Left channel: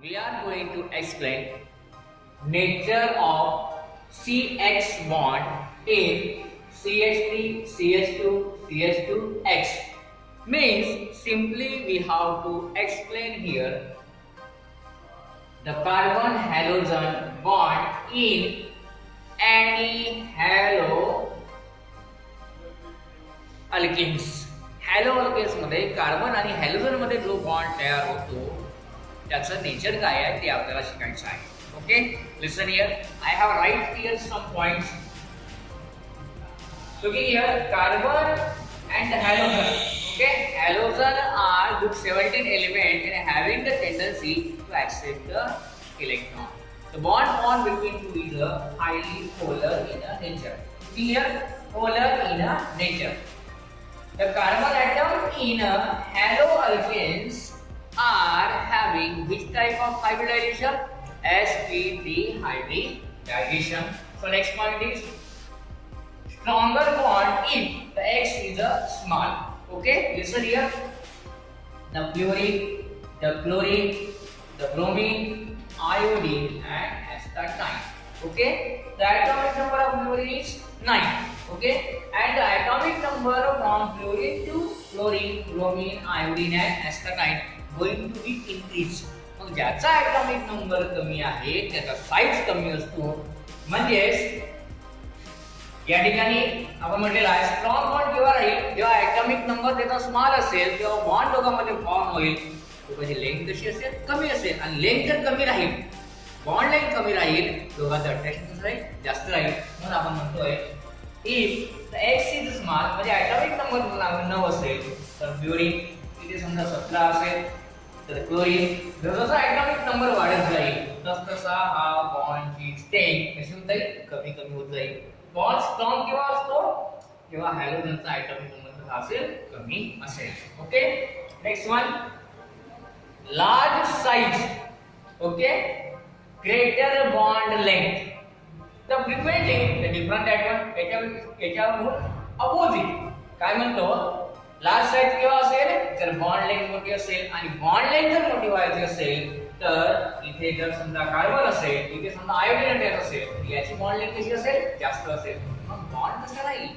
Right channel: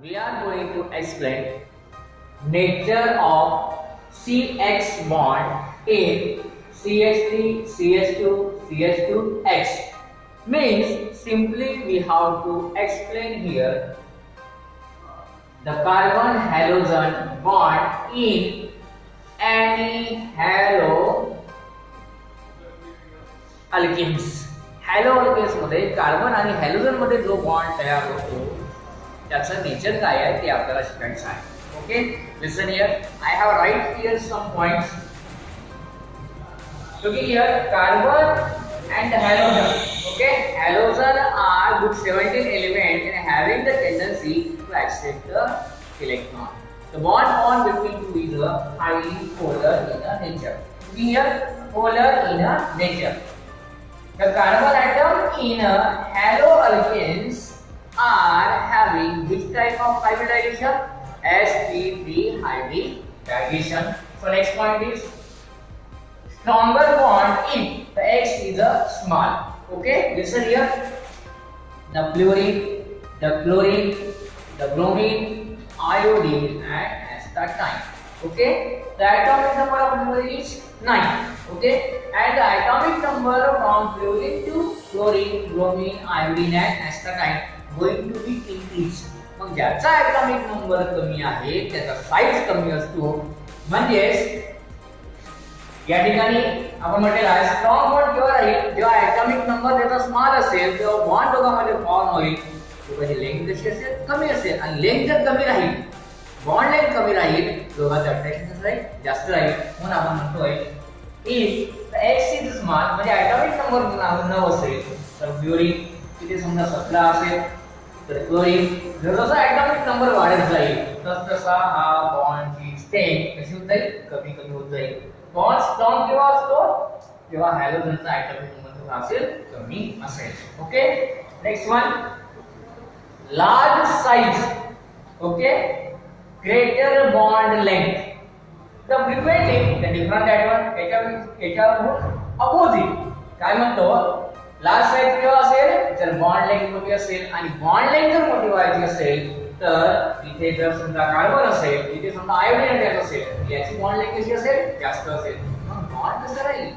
we are going to explain nature of CX bond in CH3, CH2, CH2X. Means simply we have to explain here the carbon halogen bond in any हॅलोअल्केन्स. हॅलोअल्केन्स मध्ये carbon आणि halogen मध्ये जो bond तयार होतो त्याचं nature काय आहे ते आपल्याला शिकायचं आहे. Okay, listen here. I have write here some points. So here carbon and halogen. Okay, halogen are group 17 element and having the tendency to accept the electron. The bond between two is highly polar in nature. Here polar in nature. The carbon atom in haloalkanes are having which type of hybridization? sp3 hybridization. So next point is stronger bond in the X is a small. Okay, listen here. The fluorine, the chlorine, the bromine, iodine, and astatine. Okay, the atomic number of fluorine is 9. Okay, and the atomic number from fluorine to chlorine, bromine, iodine, and astatine going to be increased. मग ज्याचा atomic number कमी आहे त्याचा size कमी असतो. म्हणजे या ठिकाणी आपण म्हटलेलं आहे स्ट्रॉंग बॉन्ड केव्हा राहील जेव्हा ॲटॉमिक नंबर त्याचा स्मॉल असेल तेव्हा बॉन्ड दोघांमध्ये फॉर्म होईल. दोघांची लेंथ कशी असेल? कमी असेल. आणि लेंथ जर कमी राहील, बॉन्ड लेंथ कमी राहील, दोघांचं अट्रॅक्शन कसं राहील? जास्त राहील. म्हणून आपण म्हणतोय if the x is small म्हणजे ॲटॉमिक नंबर 9 असेल तर फ्लोरीन तिथे समजा 17 असेल तर क्लोरीन जसा ॲटॉमिक नंबर वाढत जाईल तसा हा बॉन्डची स्ट्रेंथ कशी होत जाईल? कमी कमी होत जाईल. बॉन्ड स्ट्रॉंग केव्हा असतो? जेव्हा हॅलोजनचा ॲटॉमिक नंबर असेल कमी असेल. Okay, next one. Large size. Okay, greater bond length. The preventing the different याच्यावरून अपोजिट काय म्हणतो? लार्ज साइज केव्हा असेल? जर बॉन्ड लेंथ मोठी असेल आणि बॉन्ड लेंथ जर मोठी व्हायची असेल तर इथे जर समजा कार्बन असेल इथे समजा आयोडीन अटॅक असेल याची बॉन्ड लेंथ कशी असेल? जास्त असेल. मग बॉन्ड कसं राहील?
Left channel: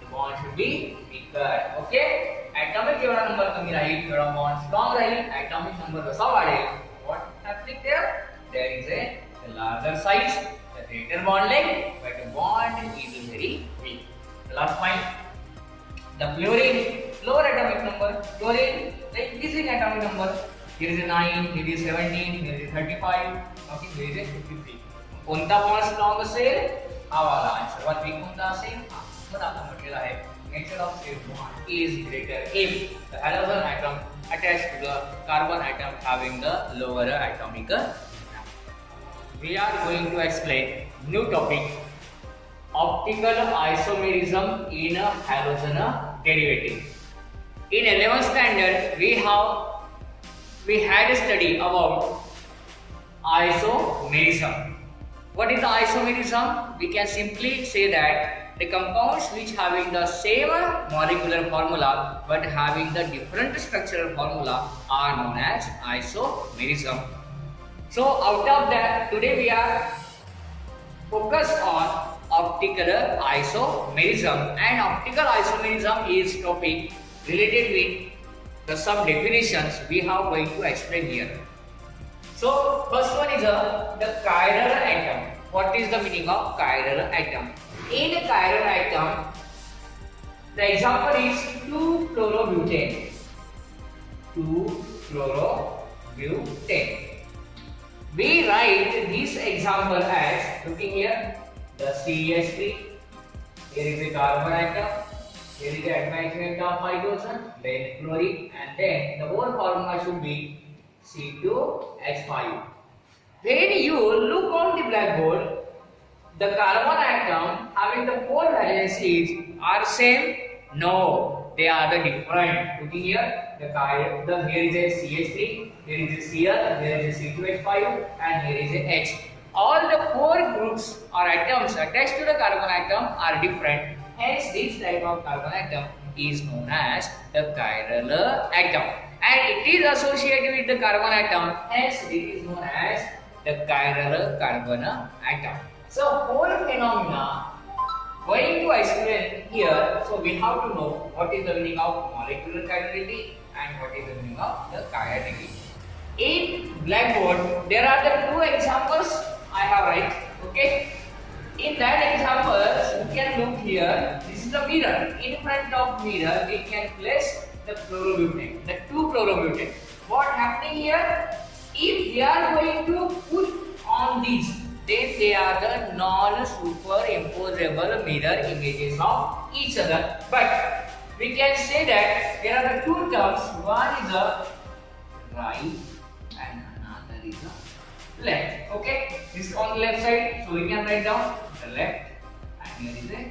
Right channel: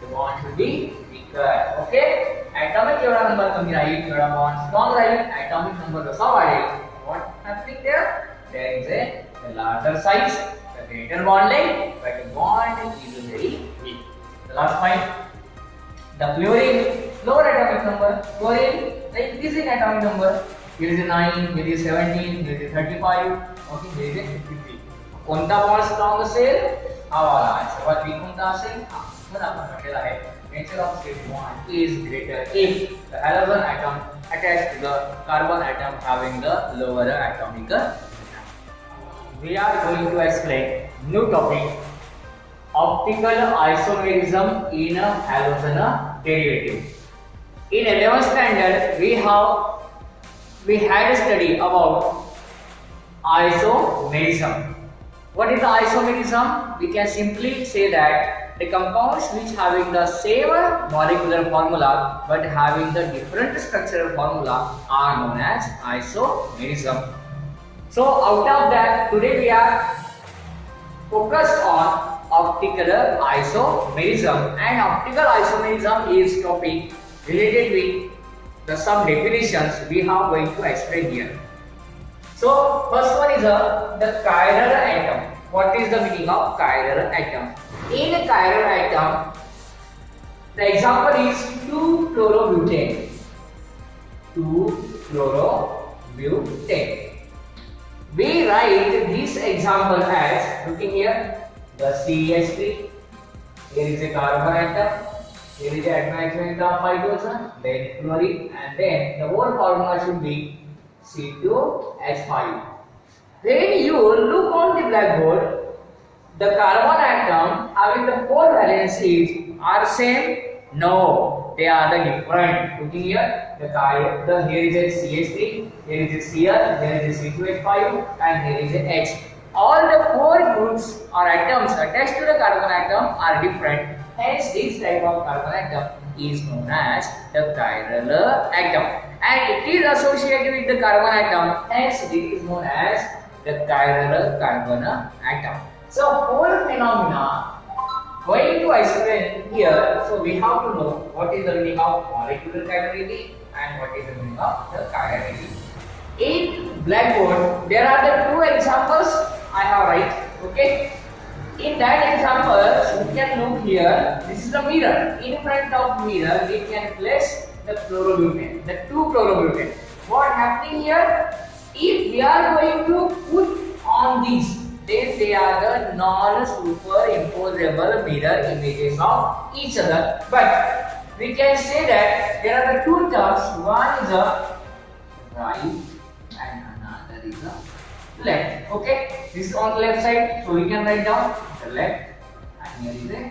The bond should be weaker. Okay, atomic जेवढा नंबर कमी राहील तेवढा बॉन्ड स्ट्रॉंग राहील. ॲटॉमिक नंबर जसा वाढेल what happening there is a larger size, the greater bond length, but the bond is very weak. The last point, the fluorine lower atomic number, fluorine the increasing atomic number. Here is a 9, here is 17, here is 35, okay, here is 53. कोणता bond strong असेल? हा वाला. सर्वात week कोणता असेल? हा. मग आपण म्हटलेलं आहे nature of state bond is greater if the halogen atom attached to the carbon atom having the lower atomic number. We are going to explain new topic, optical isomerism in a halogen derivative. In 11th standard we had a study about isomerism. What is the isomerism? We can simply say that the compounds which having the same molecular formula but having the different structural formula are known as isomerism. So out of that today we are focused on optical isomerism, and optical isomerism is topic related with the some definitions we are going to explain here. So first one is the chiral atom. What is the meaning of chiral atom? In a chiral atom, the example is 2-chlorobutane. 2-chlorobutane. We write this example as, looking here, the CH3. Here is a carbon atom. Here is the attachment of hydrogen, then chlorine, and then the whole formula should be C2H5. When you look on the blackboard, the carbon atom having the 4 valencies are same? No, they are the different. Looking here, here is a CH3, here is a Cl, here is a C2H5, and here is a H. All the 4 groups or atoms attached to the carbon atom are different. Hence, this type of carbon atom is known as the chiral atom. and it is associated with the carbon atom, hence it is known as the chiral carbon atom. So whole phenomena going to explain here, so we have to know what is the meaning of molecular chirality and what is the meaning of the chirality. In blackboard, there are the two examples I have write. Okay. In that example, you can look here. This is the mirror. In front of mirror, we can place the chlorobutane, the two chlorobutane. What happening here? If we are going to put on these, then they are the non-superimposable mirror images of each other. But we can say that there are the two terms. One is a right and another is a left. Okay, this is on the left side, so we can write down the left, and here is a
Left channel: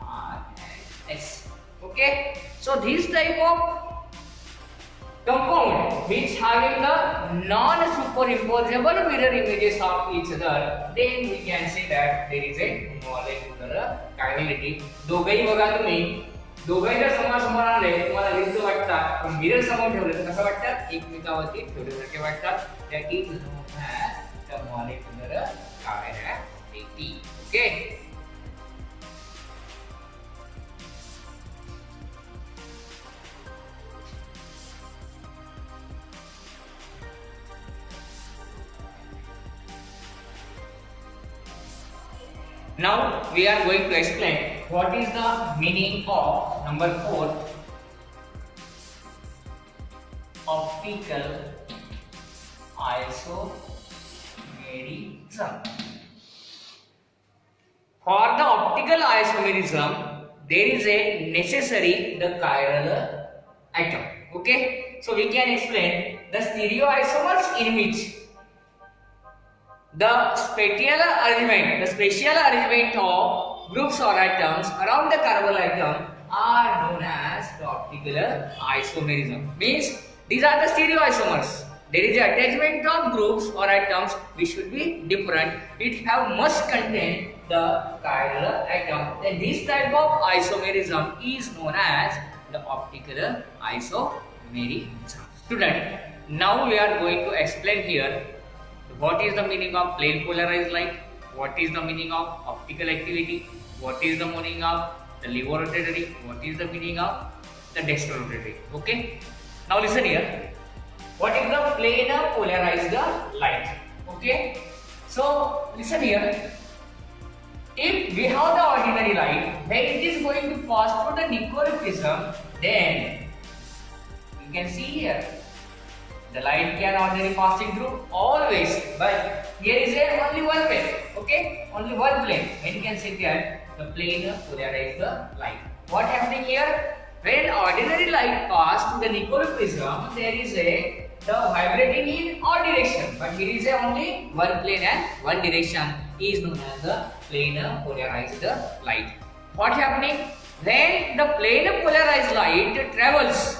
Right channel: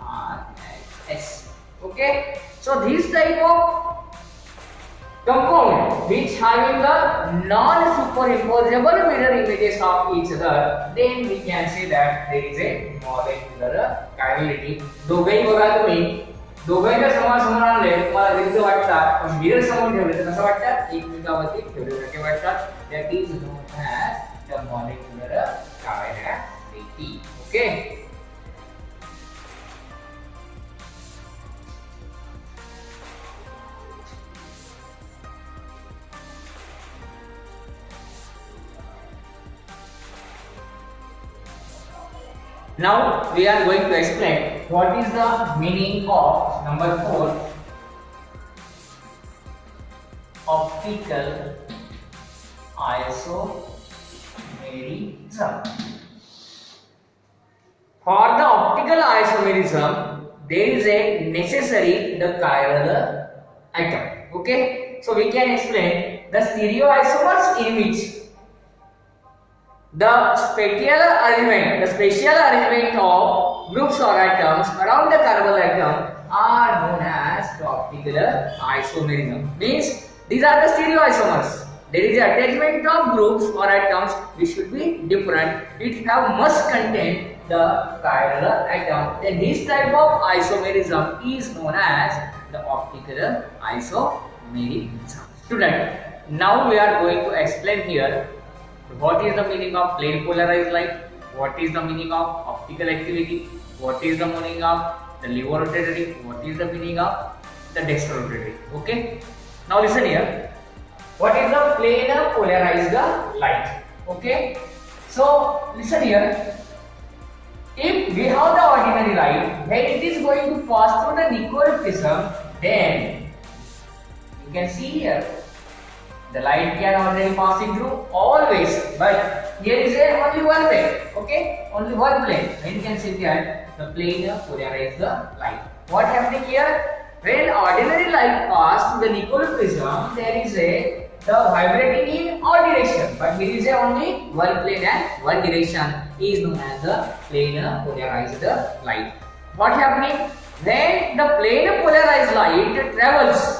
R and S. Okay, so this type of compound which having the non-superimposable mirror images of each other, then we can say that there is a molecular chirality. दोघेही बघा तुम्ही, दोघांच्या समोर आले तुम्हाला विरुद्ध वाटतात, पण मिरर समोर ठेवले तर कसं वाटतं, एकमेकावरती ठेवल्यासारखे वाटतात. That is known as the molecular chirality. Okay. Now we are going to explain what is the meaning of number 4, optical isomerism. For the optical isomerism, there is a necessary the chiral atom. Okay, so we can explain the stereoisomers in which the spatial arrangement of groups or atoms around the carbon atom are known as the optical isomerism. Means these are the stereoisomers. There is an attachment of groups or atoms which should be different. It must contain the chiral atom. Then this type of isomerism is known as the optical isomerism. Student, now we are going to explain here what is the meaning of plane polarized light, what is the meaning of optical activity, what is the meaning of the levo rotatory, what is the meaning of the dextro rotatory. Okay, now listen here. What is the planar polarized light? Okay, so listen here. If we have the ordinary light, when it is going to pass through the Nicoll prism, then you can see here the light can already passing through always, but here is only one way. Okay, only one plane. When you can see here the planar polarized light. What happening here? When ordinary light pass to the Nicoll prism, there is the vibrating in all direction, but here is only one plane and one direction is known as the planar polarized light. What happening when the planar polarized light travels?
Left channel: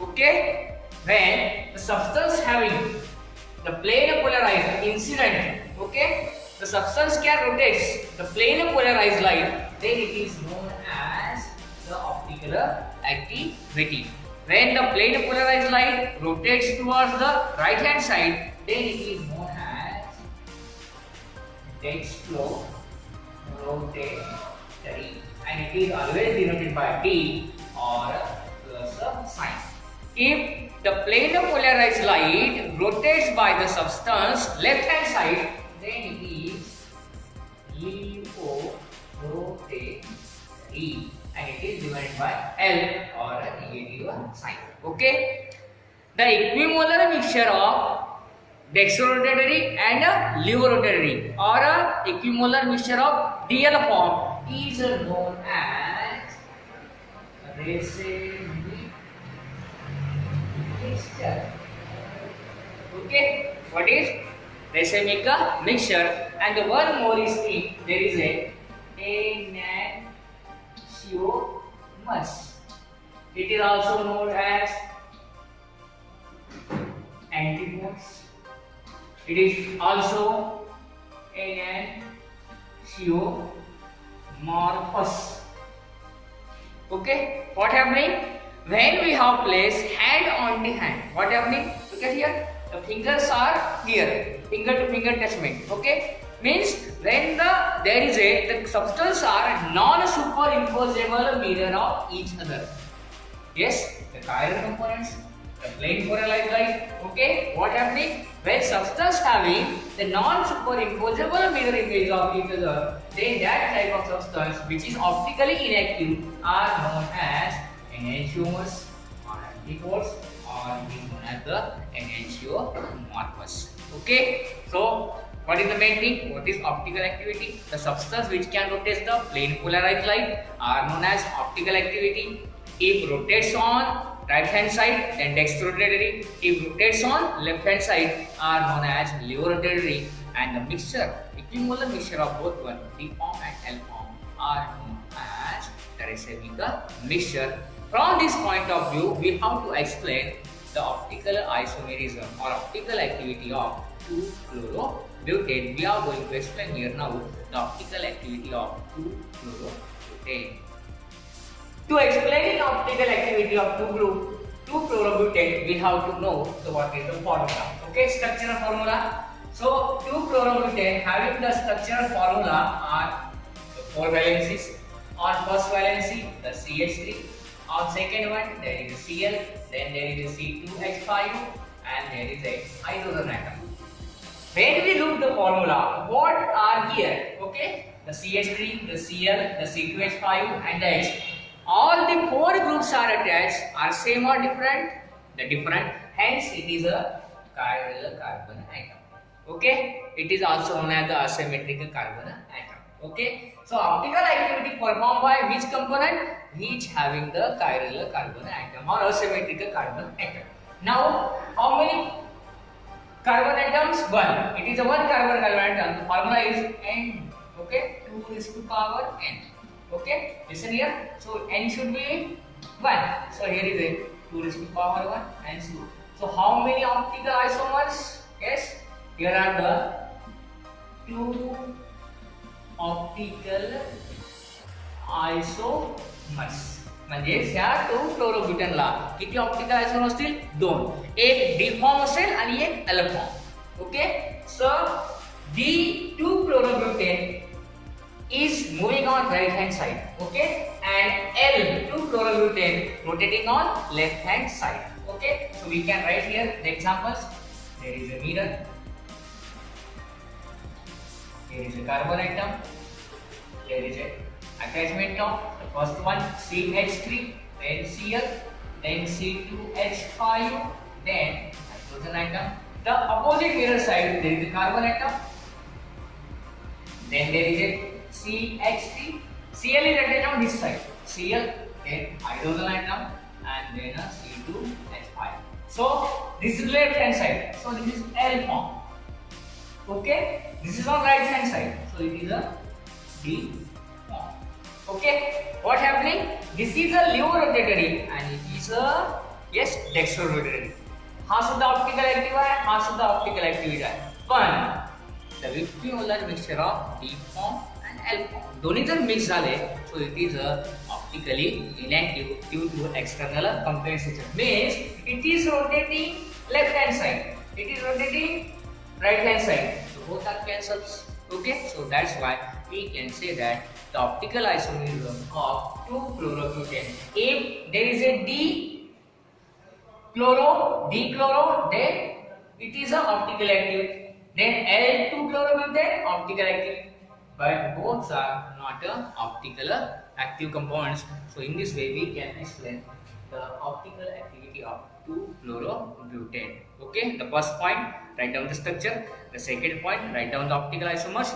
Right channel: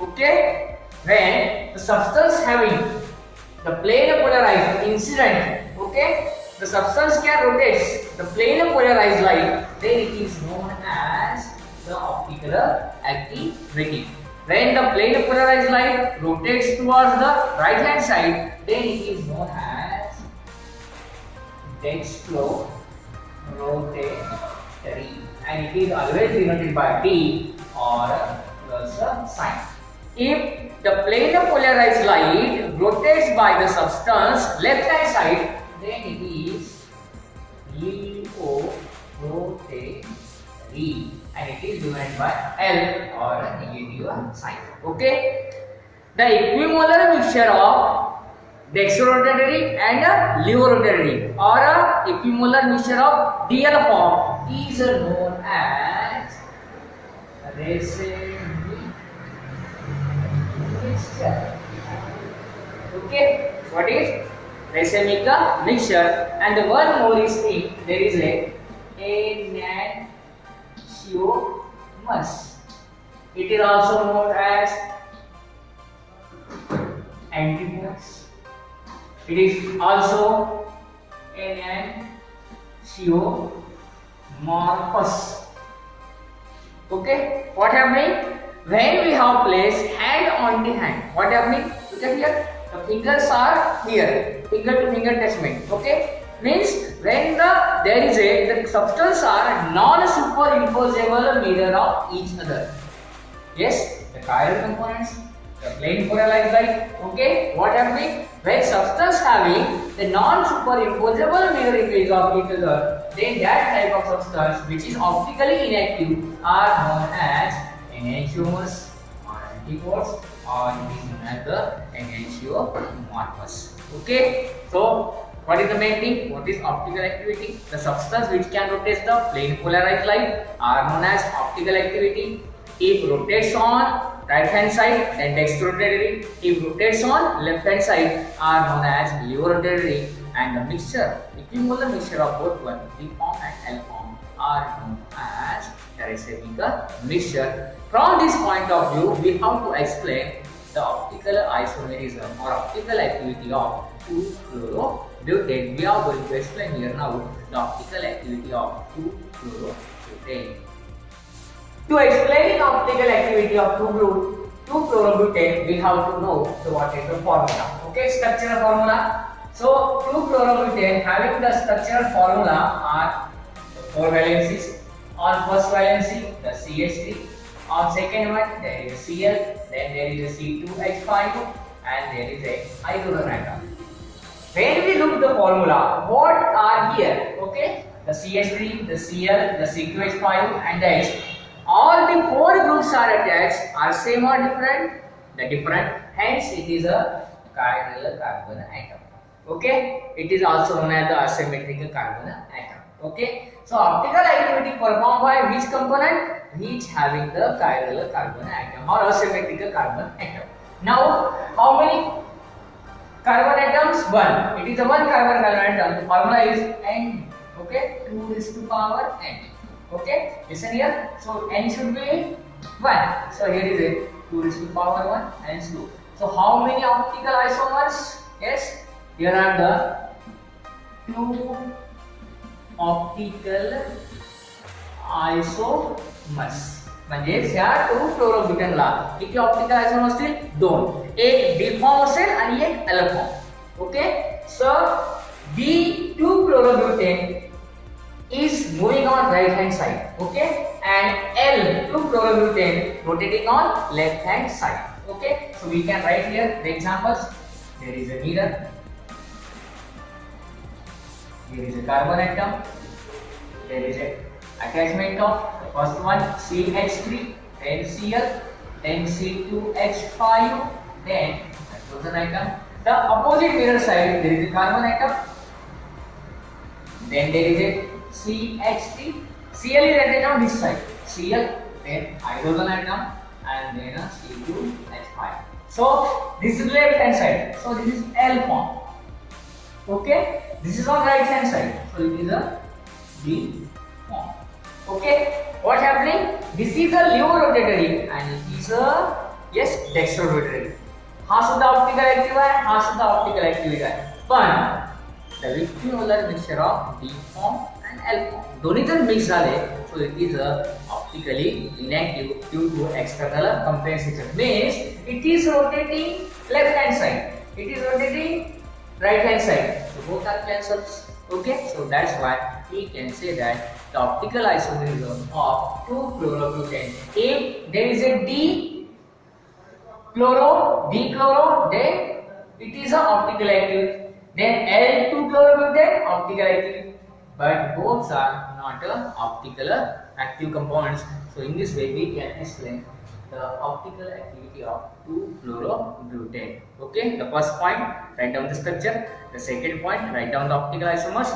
Okay, when the substance having the planar polarized incident, okay, the substance can rotate the planar polarized light, then it is known as the optical activity. When the planar polarized light rotates towards the right hand side, then it is known as dextro rotatory, and it is always denoted by D or plus sign. If the planar polarized light rotates by the substance left hand side, then it is levo rotatory, and it is divided by L or a negative sign. Okay, the equimolar mixture of dextrorotatory and levorotatory or a equimolar mixture of DL form is known as racemic mixture. Okay, what is racemic mixture? And the one more is there is a enantiomers. It is also known as antimers. It is also enantiomorphous. Okay, what happening when we have placed hand on the hand, what happening? Look at here. The fingers are here, finger to finger attachment. Okay, means when the substance are non-superimposable mirror of each other. Yes, the chiral components, the plane polarized light. Okay, what happening? When substance having the non-superimposable mirror image of each other, then that type of substance which is optically inactive are known as enantiomers or antipodes, or it is known as the enantiomorphous. Okay, so what is the main thing? What is optical activity? The substance which can rotate the plane polarized light are known as optical activity. If rotates on right hand side, then dextrorotatory. If rotates on left hand side, are known as levorotatory. And the mixture, equimolar mixture of both one, D form and L form, are known as teresical mixture. From this point of view, we have to explain the optical isomerism or optical activity of 2-fluorobutane. We are going to explain here now the optical activity of 2-fluorobutane. To explain the optical activity of 2-fluorobutane, we have to know what is the formula. Okay, structural formula. So 2-fluorobutane having the structural formula are the 4 valencies. On first valency, the CH3. On second one, there is a Cl, then there is a C2H5, and there is a hydrogen atom. When we look the formula, what are here? Okay, the CH3, the Cl, the C2H5, and the H. All the 4 groups are attached, are same or different? The different. Hence, it is a chiral carbon atom. Okay, it is also known as the asymmetrical carbon atom. Okay, so optical activity performed by which component? Which having the chiral carbon atom or asymmetrical carbon atom. Now, how many carbon atoms? 1. It is a 1 carbon atom. The formula is N. Okay, 2 is to power N. Okay, listen here. So N should be 1. So here is it. 2 is to power 1 and 2. So how many optical isomers? Yes, here are the 2 optical isomers. म्हणजे ह्या 2-फ्लोरोब्युटेनला किती optical आयसोमर असतील? 2. एक D form असेल आणि एक L form. Okay, so D 2-fluorobutane is moving on right hand side, okay, and L2-fluorobutane rotating on left hand side. Okay, so we can write here the examples. There is a mirror, here is a carbon atom, there is a attachment of the first one CH3, then Cl, then C2H5, then hydrogen atom. The opposite mirror side, there is a carbon atom, then there is a CH3, Cl is written on this side, Cl, then hydrogen atom, and then a C2H5. So this is left hand side, so this is L form. Okay, this is on right hand side, so it is a D form. Okay, what happening? This is a levorotatory and it is a dextrorotatory. हा सुद्धा optical active आहे, हा सुद्धा optical active आहे. पण the equimolar mixture of D form and L form दोन्ही जर mix झाले, so it is a optically inactive due to external compensation. Means it is rotating left hand side, it is rotating right hand side, so both are cancelled. Okay, so that's why we can say that the optical isomerism of 2-fluorobutane, if there is a D-chloro, then it is an optical active. Then L2-fluorobutane, optical active. But both are not optical active compounds. So in this way we can explain the optical activity of 2-fluorobutane. Okay, the first point, write down the structure. The second point, write down the optical isomers.